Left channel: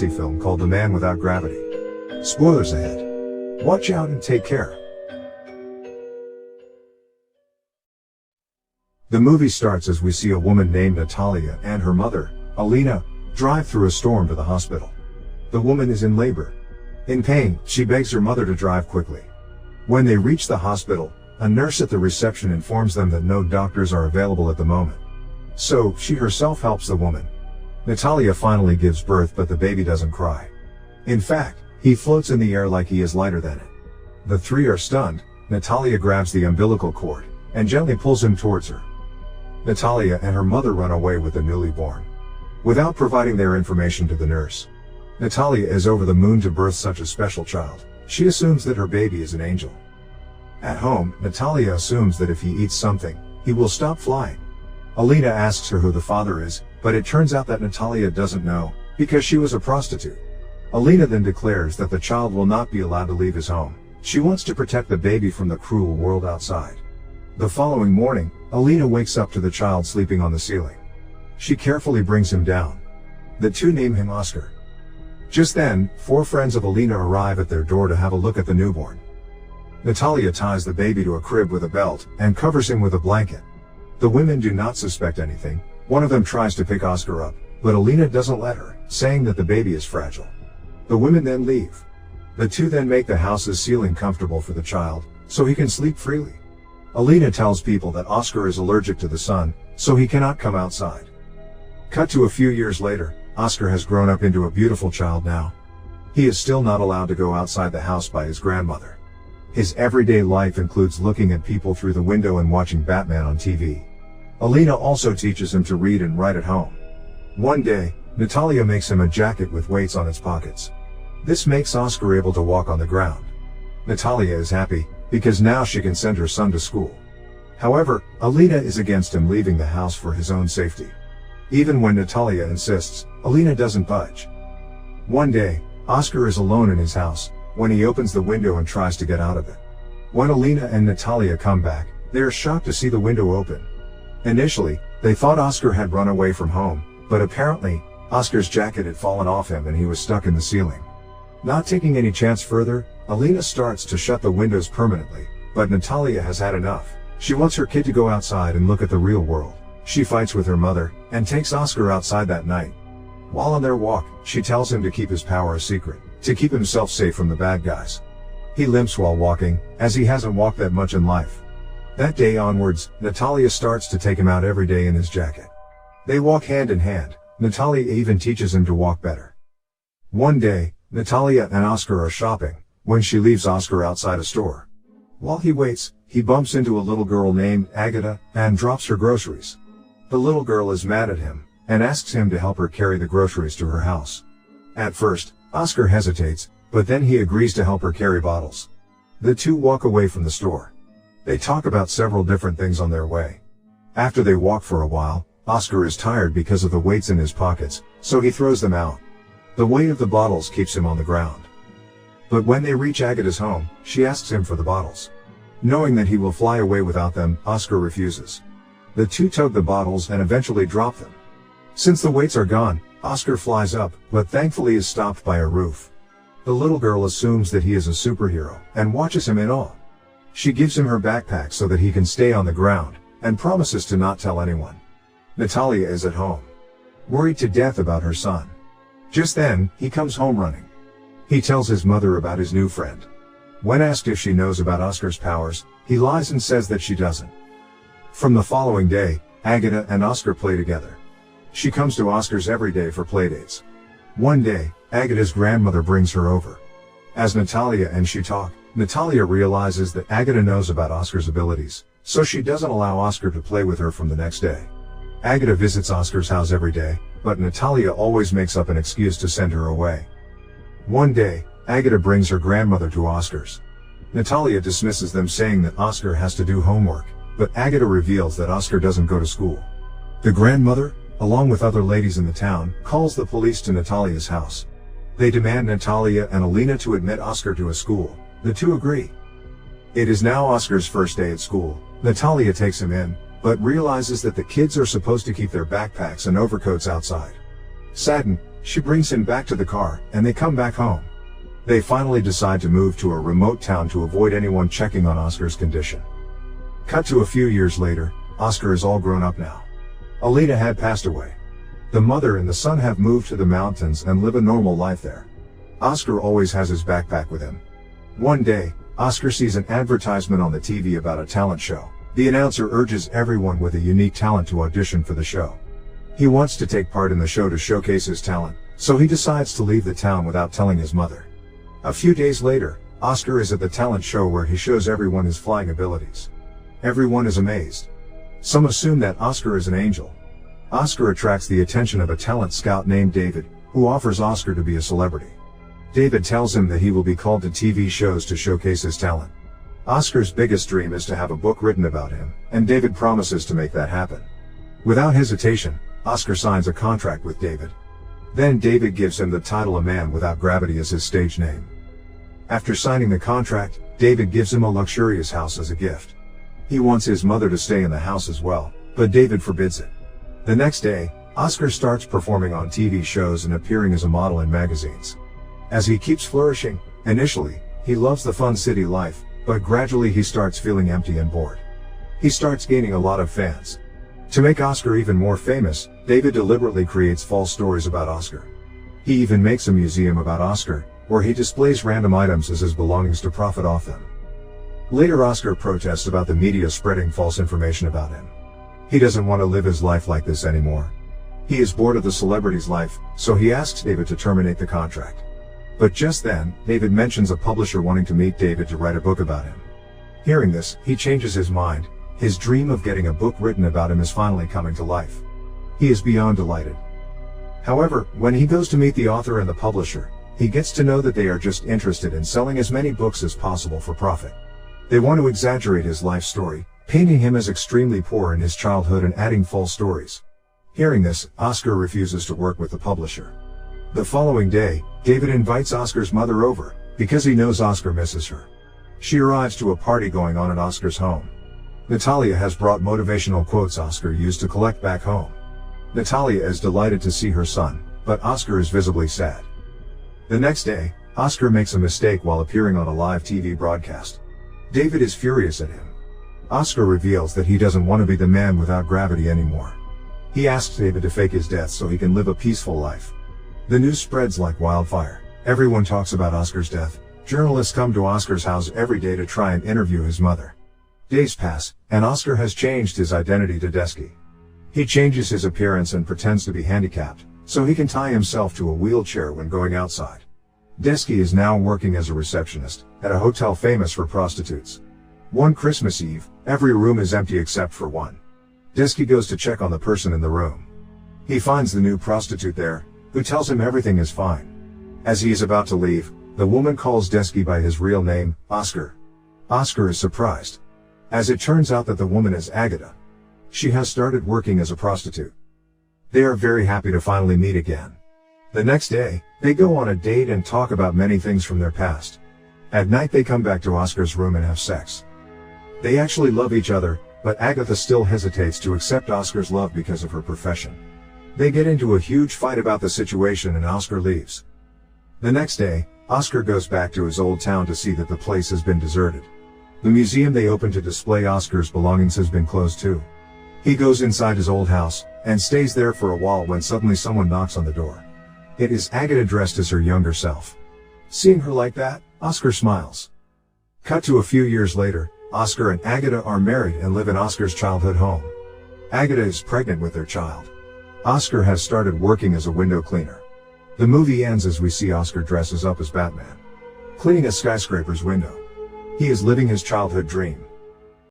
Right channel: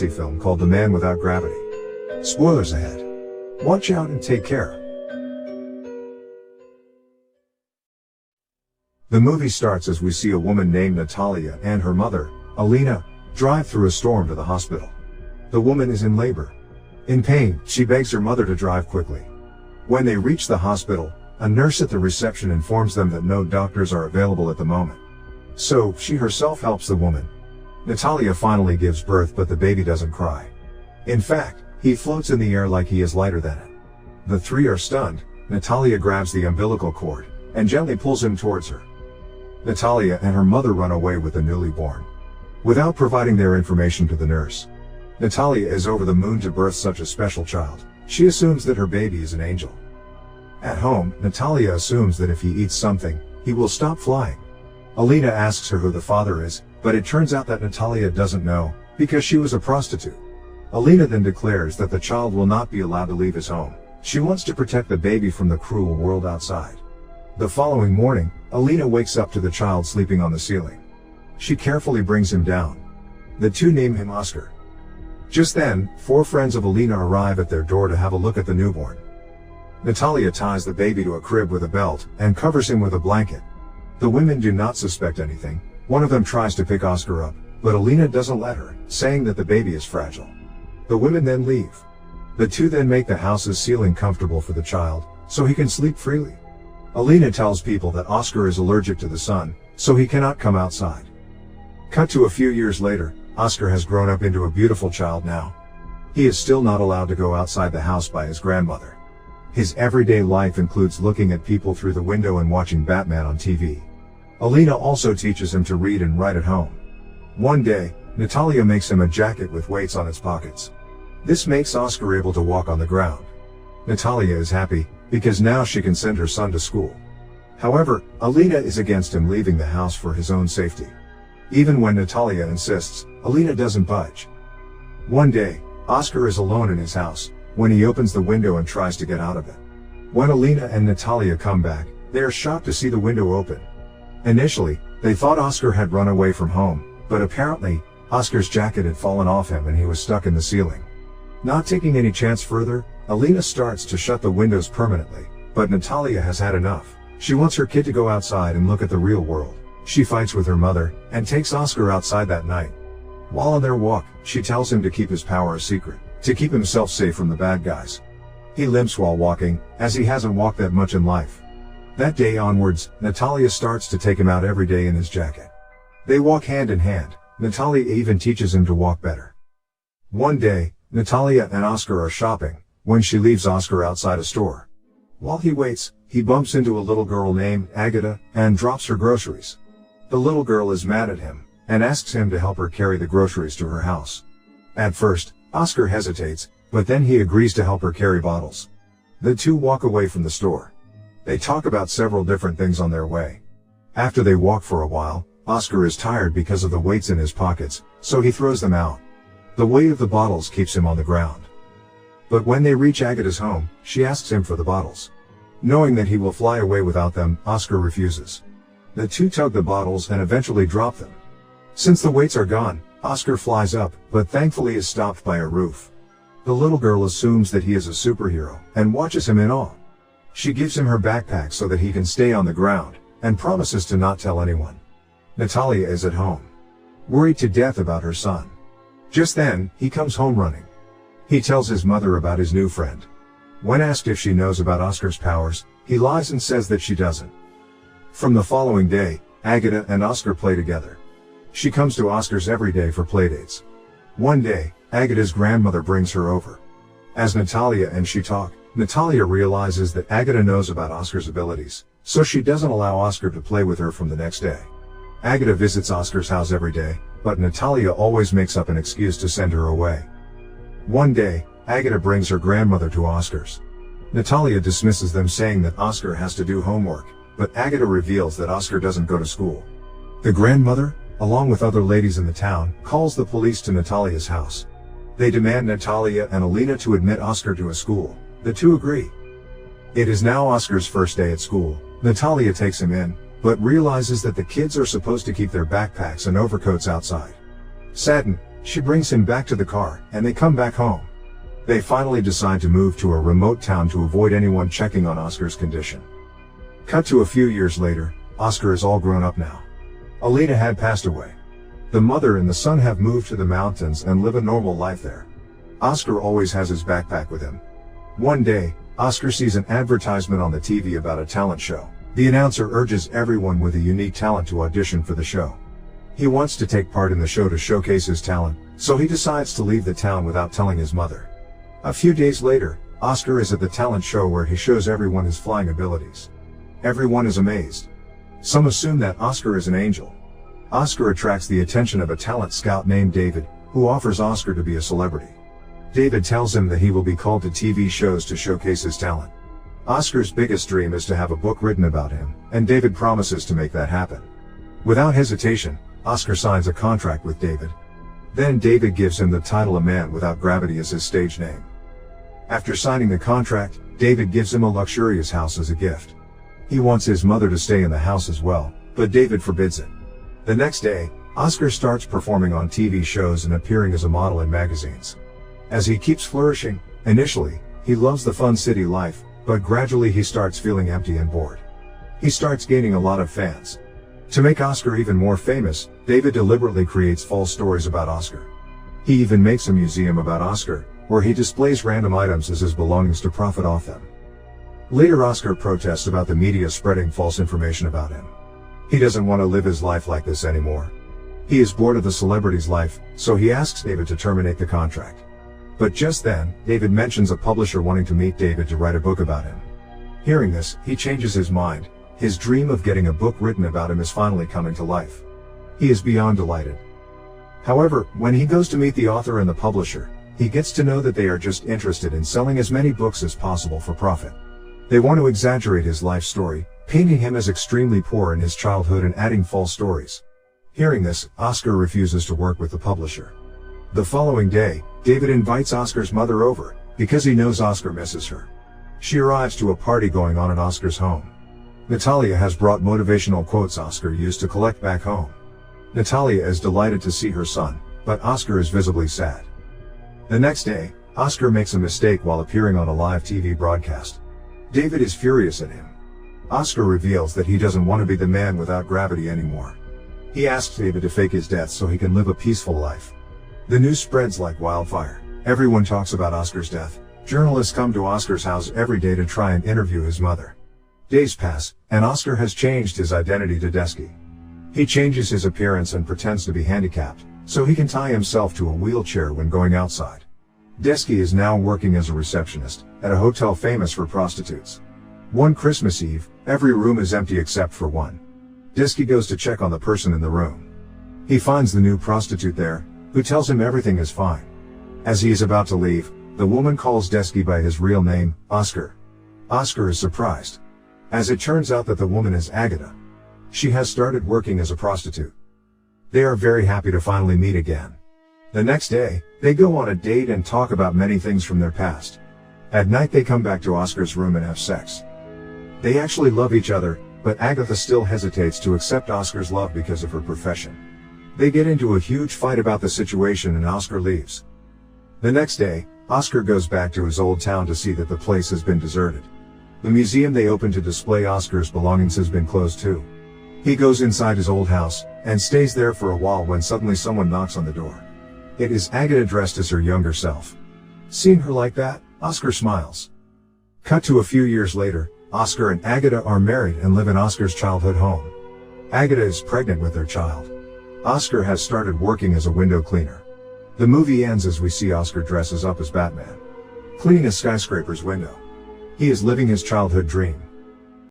Nazi film called The Man Without Gravity. Spoilers ahead. Watch out and take care. The movie starts as we see a woman named Natalia and her mother, Alina, drive through a storm to the hospital. The woman is in labor. In pain, she begs her mother to drive quickly. When they reach the hospital, a nurse at the reception informs them that no doctors are available at the moment. So, she herself helps the woman. Natalia finally gives birth, but the baby doesn't cry. In fact, he floats in the air like he is lighter than it. The three are stunned. Natalia grabs the umbilical cord and gently pulls him towards her. Natalia and her mother run away with the newly born, without providing their information to the nurse. Natalia is over the moon to birth such a special child. She assumes that her baby is an angel. At home, Natalia assumes that if he eats something, he will stop flying. Alina asks her who the father is, but it turns out that Natalia doesn't know, because she was a prostitute. Alina then declares that the child will not be allowed to leave his home. She wants to protect the baby from the cruel world outside. The following morning, Alina wakes up to the child sleeping on the ceiling. She carefully brings him down. The two name him Oscar. Just then, 4 friends of Alina arrive at their door to have a look at the newborn. Natalia ties the baby to a crib with a belt and covers him with a blanket. The women do not suspect anything. One of them tries to pick Oscar up, but Alina doesn't let her, saying that the baby is fragile. The women then leave. The two then make the house's ceiling comfortable for the child, so he can sleep freely. Alina tells people that Oscar is allergic to the sun, so he cannot come outside. Cut to a few years later, Oscar has grown up into a beautiful child now. He is still not allowed to go outside the house by his grandmother. His everyday life includes looking at people through the window and watching Batman on TV. Alina also teaches him to read and write at home. One day, Natalia makes him a jacket with weights on its pockets. This makes Oscar able to walk on the ground. Natalia is happy, because now she can send her son to school. However, Alina is against him leaving the house for his own safety. Even when Natalia insists, Alina doesn't budge. One day, Oscar is alone in his house, when he opens the window and tries to get out of it. When Alina and Natalia come back, they are shocked to see the window open. Initially, they thought Oscar had run away from home, but apparently, Oscar's jacket had fallen off him and he was stuck in the ceiling. Not taking any chance further, Alina starts to shut the windows permanently, but Natalia has had enough. She wants her kid to go outside and look at the real world. She fights with her mother, and takes Oscar outside that night. While on their walk, she tells him to keep his power a secret, to keep himself safe from the bad guys. He limps while walking, as he hasn't walked that much in life. That day onwards, Natalia starts to take him out every day in his jacket. They walk hand in hand. Natalia even teaches him to walk better. One day, Natalia and Oscar are shopping, when she leaves Oscar outside a store. While he waits, he bumps into a little girl named Agatha, and drops her groceries. The little girl is mad at him, and asks him to help her carry the groceries to her house. At first, Oscar hesitates, but then he agrees to help her carry bottles. The two walk away from the store. They talk about several different things on their way. After they walk for a while, Oscar is tired because of the weights in his pockets, so he throws them out. The weight of the bottles keeps him on the ground. But when they reach Agatha's home, she asks him for the bottles. Knowing that he will fly away without them, Oscar refuses. The two tug the bottles and eventually drop them. Since the weights are gone, Oscar flies up, but thankfully is stopped by a roof. The little girl assumes that he is a superhero, and watches him in awe. She gives him her backpack so that he can stay on the ground, and promises to not tell anyone. Natalia is at home, worried to death about her son. Just then, he comes home running. He tells his mother about his new friend. When asked if she knows about Oscar's powers, he lies and says that she doesn't. From the following day, Agatha and Oscar play together. She comes to Oscar's every day for playdates. One day, Agatha's grandmother brings her over. As Natalia and she talk, Natalia realizes that Agatha knows about Oscar's abilities, so she doesn't allow Oscar to play with her from the next day. Agatha visits Oscar's house every day, but Natalia always makes up an excuse to send her away. One day, Agatha brings her grandmother to Oscar's. Natalia dismisses them, saying that Oscar has to do homework, but Agatha reveals that Oscar doesn't go to school. The grandmother, along with other ladies in the town, calls the police to Natalia's house. They demand Natalia and Alina to admit Oscar to a school. The two agree. It is now Oscar's first day at school. Natalia takes him in, but realizes that the kids are supposed to keep their backpacks and overcoats outside. Saddened, She brings him back to the car, and they come back home. They finally decide to move to a remote town to avoid anyone checking on Oscar's condition. Cut to a few years later, Oscar is all grown up now. Alina had passed away. The mother and the son have moved to the mountains and live a normal life there. Oscar always has his backpack with him. One day, Oscar sees an advertisement on the TV about a talent show. The announcer urges everyone with a unique talent to audition for the show. He wants to take part in the show to showcase his talent, so he decides to leave the town without telling his mother. A few days later, Oscar is at the talent show where he shows everyone his flying abilities. Everyone is amazed. Some assume that Oscar is an angel. Oscar attracts the attention of a talent scout named David, who offers Oscar to be a celebrity. David tells him that he will be called to TV shows to showcase his talent. Oscar's biggest dream is to have a book written about him, and David promises to make that happen. Without hesitation, Oscar signs a contract with David. Then David gives him the title A Man Without Gravity as his stage name. After signing the contract, David gives him a luxurious house as a gift. He wants his mother to stay in the house as well, but David forbids it. The next day, Oscar starts performing on TV shows and appearing as a model in magazines. As he keeps flourishing, initially, he loves the fun city life, but gradually he starts feeling empty and bored. He starts gaining a lot of fans. To make Oscar even more famous, David deliberately creates false stories about Oscar. He even makes a museum about Oscar, where he displays random items as his belongings to profit off them. Later, Oscar protests about the media spreading false information about him. He doesn't want to live his life like this anymore. He is bored of the celebrity's life, so he asks David to terminate the contract. But just then, David mentions a publisher wanting to meet David to write a book about him. Hearing this, he changes his mind. His dream of getting a book written about him is finally coming to life. He is beyond delighted. However, when he goes to meet the author and the publisher, he gets to know that they are just interested in selling as many books as possible for profit. They want to exaggerate his life story, painting him as extremely poor in his childhood and adding false stories. Hearing this, Oscar refuses to work with the publisher. The following day, David invites Oscar's mother over, because he knows Oscar misses her. She arrives to a party going on in Oscar's home. Natalia has brought motivational quotes Oscar used to collect back home. Natalia is delighted to see her son, but Oscar is visibly sad. The next day, Oscar makes a mistake while appearing on a live TV broadcast. David is furious at him. Oscar reveals that he doesn't want to be the man without gravity anymore. He asks David to fake his death so he can live a peaceful life. The news spreads like wildfire. Everyone talks about Oscar's death. Journalists come to Oscar's house every day to try and interview his mother. Days pass, and Oscar has changed his identity to Desky. He changes his appearance and pretends to be handicapped, so he can tie himself to a wheelchair when going outside. Desky is now working as a receptionist at a hotel famous for prostitutes. One Christmas Eve, every room is empty except for one. Desky goes to check on the person in the room. He finds the new prostitute there, who tells him everything is fine. As he is about to leave, the woman calls Desky by his real name, Oscar. Oscar is surprised, as it turns out that the woman is Agatha. She has started working as a prostitute. They are very happy to finally meet again. The next day, they go on a date and talk about many things from their past. At night they come back to Oscar's room and have sex. They actually love each other, but Agatha still hesitates to accept Oscar's love because of her profession. They get into a huge fight about the situation and Oscar leaves. The next day, Oscar goes back to his old town to see that the place has been deserted. The museum they opened to display Oscar's belongings has been closed too. He goes inside his old house, and stays there for a while when suddenly someone knocks on the door. It is Agatha dressed as her younger self. Seeing her like that, Oscar smiles. Cut to a few years later, Oscar and Agatha are married and live in Oscar's childhood home. Agatha is pregnant with their child. Oscar has started working as a window cleaner. The movie ends as we see Oscar dresses up as Batman, cleaning a skyscraper's window. He is living his childhood dream.